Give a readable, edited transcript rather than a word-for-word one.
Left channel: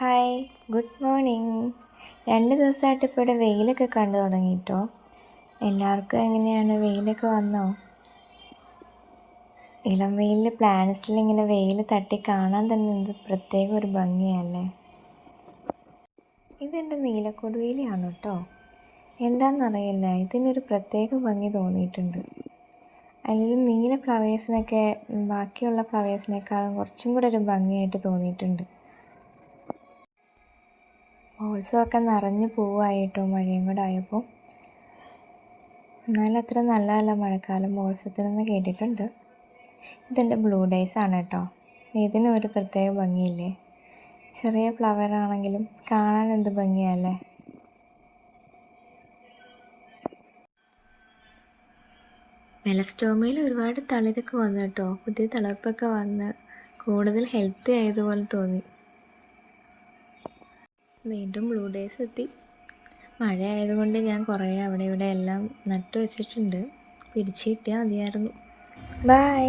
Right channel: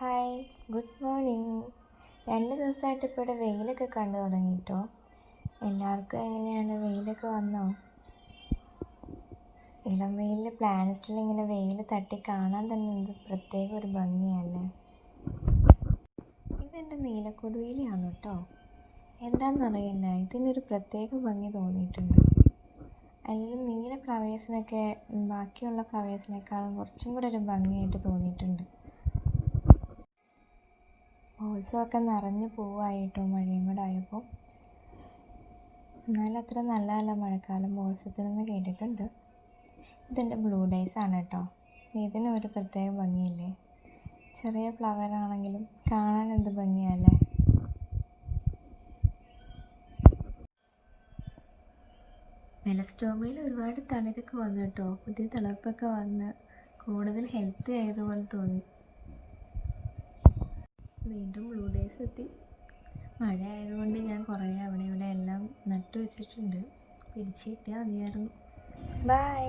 Hi, good morning. 2 ദിവസമായിട്ട് ഇപ്പോൾ ഇവിടെ വെയിലൊക്കെ കണ്ടു തുടങ്ങിയിട്ടോ. എല്ലാവർക്കും എങ്ങനെയാണ്, വെയിലൊക്കെ വന്നോ? ഇളം വെയിലിൽ പ്ലാന്റ്സിൽ ഇങ്ങനെ വെയിൽ തട്ടി കാണാൻ തന്നെ എന്ത് പ്രത്യേക ഒരു ഭംഗിയല്ലേ. ഇതെൻ്റെ നീലക്കൊടുവേലിയാണ് കേട്ടോ. എന്താണെന്നറിയില്ല, ഇതിനൊരു പ്രത്യേക ഭംഗി തോന്നിയിട്ടുണ്ട്. അല്ലെങ്കിൽ നീല ഫ്ലവേഴ്സിനൊക്കെ ബാക്കിയുള്ള ഫ്ലവേഴ്സിനേക്കാളും കുറച്ചും കൂടെ ഒരു ഭംഗിയായിട്ട് തോന്നിയിട്ടുണ്ട്. ഒക്കെ നിറഞ്ഞു പൂവായിട്ടോ, മഴയും കൂടെ ആയപ്പോൾ. എന്നാലും അത്ര നല്ലതല്ല മഴക്കാലം ബോൾസത്തിനെന്ന് കേട്ടിട്ടുണ്ട്. ഇതെൻ്റെ ബ്ലൂ ഡേയ്സ് ആണ് കേട്ടോ. ഇതിനും ഒരു പ്രത്യേക ഭംഗിയില്ലേ. ചെറിയ ഫ്ലവർ ആണെങ്കിലും കാണാൻ എന്ത് ഭംഗിയല്ലേ. മെലസ്റ്റോമയിൽ ഒരുപാട് തളിരൊക്കെ വന്നു കേട്ടോ. പുതിയ തളിർപ്പൊക്കെ വന്ന് കൂടുതൽ ഹെൽത്തി ആയതുപോലെ തോന്നി. വീണ്ടും ബ്ലൂ ഡേയ്സ് എത്തി. മഴ ആയതുകൊണ്ട് ഞാൻ കുറേ അവിടെ ഇവിടെ എല്ലാം നട്ടു വെച്ചിട്ടുണ്ട്. പിടിച്ച് കിട്ടിയാൽ മതിയായിരുന്നു. ബൈ.